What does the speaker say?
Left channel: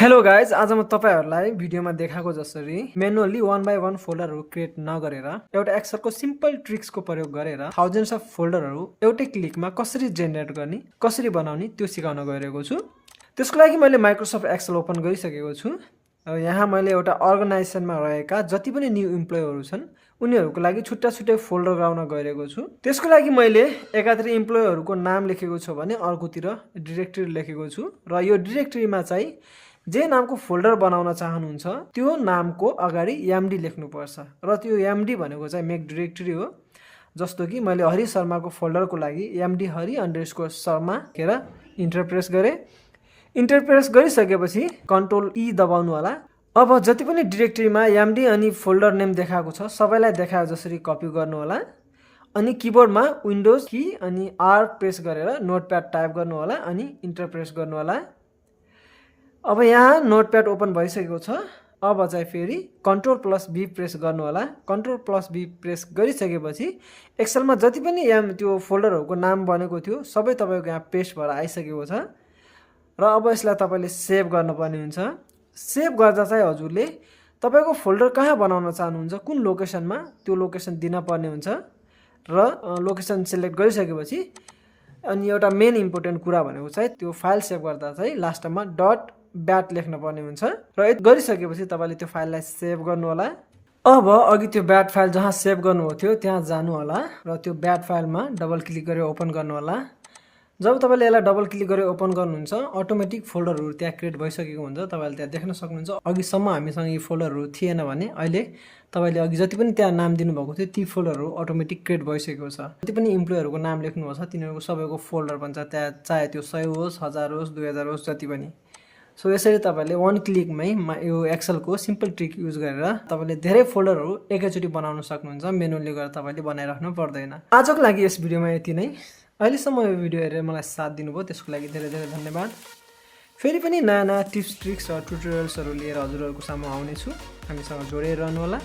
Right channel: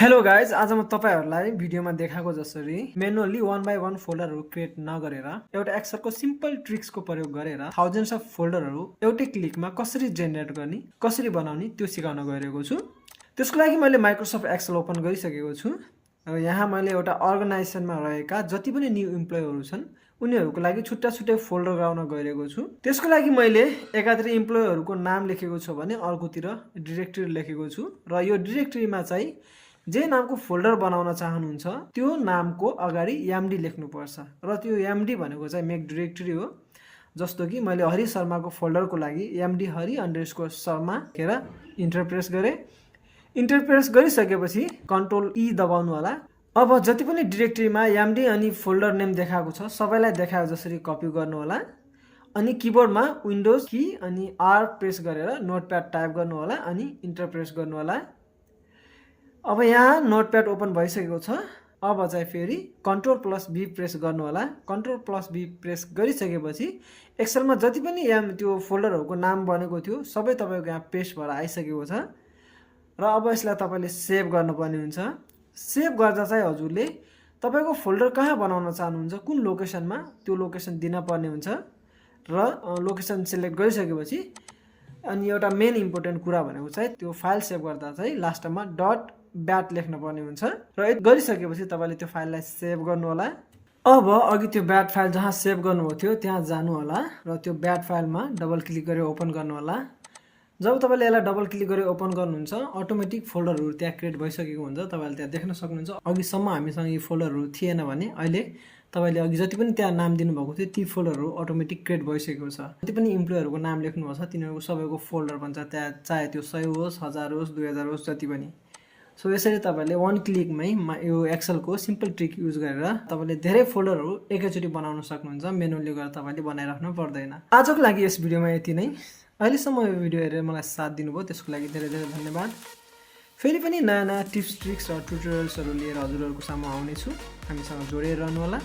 Hello guys, आज म तपाईहरुलाई भिडियोमा देखाएको जसरी म्यानुअली 1 बाइ 1 फोल्डरहरु क्रिएट नगरेर एउटा एक्सेलको सिम्पल ट्रिक्सको प्रयोग गरेर थाउजन्ड्स अफ फोल्डरहरु एउटै क्लिकमा कसरी जेनेरेट गर्ने, कसरी बनाउने त्यो सिकाउन गइरहेको छु। त्यसको लागि मैले माइक्रोसफ्ट एक्सेल ओपन गरिसकेको छु र यहाँ मैले एउटा अर्गनाइजेसनमा रहेका जति पनि न्यू इम्प्लोयीहरु छन् उनीहरुको लागि छुट्टा-छुट्टै फोल्डर बनाउन गइरहेको छु। त्यसको लागि मैले एकातिर इम्प्लोयीहरुको नाम लेखेको छु भने अर्कोतिर डाइरेक्टरी लेखेको छु र यो डाइरेक्टरीमा चाहिँ जे नामको फोल्डर बनाउन चाहनुहुन्छ त्यो नामको अगाडि एमडी लेख्नुपर्छ र त्यो एमडी भनेको चाहिँ मेक डाइरेक्टरी हो। जस्तो कि मैले हरि शर्माको फोल्डरको लागि एमडी हरि अंडरस्कोर शर्मा लेखेर इन्टर प्रेस गरे। इन्टर प्रेस गरिसकेपछि कन्ट्रोल ई दबाउनु होला। अब जति पनि डाइरेक्टरीमा एमडी अनि फोल्डर नेम देखाएको छ सबैलाई देखाए जसरी कपी गर्नु होला अनि किबोर्डमा विन्डोज की अनि आर प्रेस गरेर नोटप्याड टाइप गर्नु होला अनि इन्टर प्रेस गर्नु होला। अब यहाँ नोटप्याड ओपन भइसकेको छ। अब चाहिँ फेरि कन्ट्रोल प्लस बी प्रेस गर्नु होला। कन्ट्रोल प्लस बी प्रेस गरिसकेपछि एक्सेलमा जति पनि त्यो फोल्डरहरुको नाम बनेको थियो सबै तपाईको यहाँ पेस्ट भएर आइसकेको छ र अब यसलाई तपाईले सेभ गर्नुपर्ने हुन्छ। सेभ गर्दा चाहिँ हजुरले तपाईको फोल्डर कहाँ बनाउन चाहनुहुन्छ, कुन लोकेसनमा त्यो लोकेसन दिन पर्ने हुन्छ र लोकेसन सिलेक्ट गरिसकेपछि अनि एउटा मेन इम्पोर्टेन्ट कुरा भनेको चाहिँ त्यो फाइल सेभ गर्दा चाहिँ लास्टमा डट ब्याट लेख्न पर्ने हुन्छ र यति गरिसकेपछि तपाईले त्यो फाइललाई सेभ गर्नु होला। अब अघि त्यो ब्याट फाइल जहाँ सेभ गर्नुभएको थियो त्यहाँ जानु होला र त्यो ब्याट फाइलमा डबल क्लिक गरेर ओपन गर्नु होला। जब तपाईले यसलाई डबल क्लिक गरेर ओपन गर्नुहुन्छ अटोमेटिक फोल्डरहरु त्यहाँ क्रिएट भइसकेको हुन्छ। तपाईले त्यहाँ देख्न सक्नुहुन्छ। अघिसम्म हामीसँग यी फोल्डरहरु थिएन भने अहिले तपाईले अघि जति पनि त्यहाँ नाम दिनुभएको थियो ती फोल्डरहरु अटोमेटिक क्रिएट भइसकेको छ। जति पनि इम्प्लोयीहरुको नाम लेख्नुभएको छ तिनीहरुको सबैको फोल्डर बन्छ त्यहाँ, चाहे त्यो 100 होस्, 1000 होस्, 2000 होस्, जति पनि। सो यसरी तपाईले वन क्लिकमै यो एक्सेलको सिम्पल ट्रिक युज गरेर तपाईले धेरै फोल्डरहरु एकैचोटी बनाउन सक्नुहुन्छ। म्यानुअली गरेर तपाईले बनाइराख्नु पर्दैन। आजको लागि यस भिडियोमा यति नै। अहिलेसम्म यो भिडियो हेरेर मलाई साथ दिनुभयो त्यसको लागि धेरै धेरै धन्यवाद। फेरि पनि नयाँ टिप्स ट्रिक्स र ट्युटोरियल्सहरु लिएर हजुरहरुको सामु आउने छु। हामीसँग जोडिएर रहनु होला।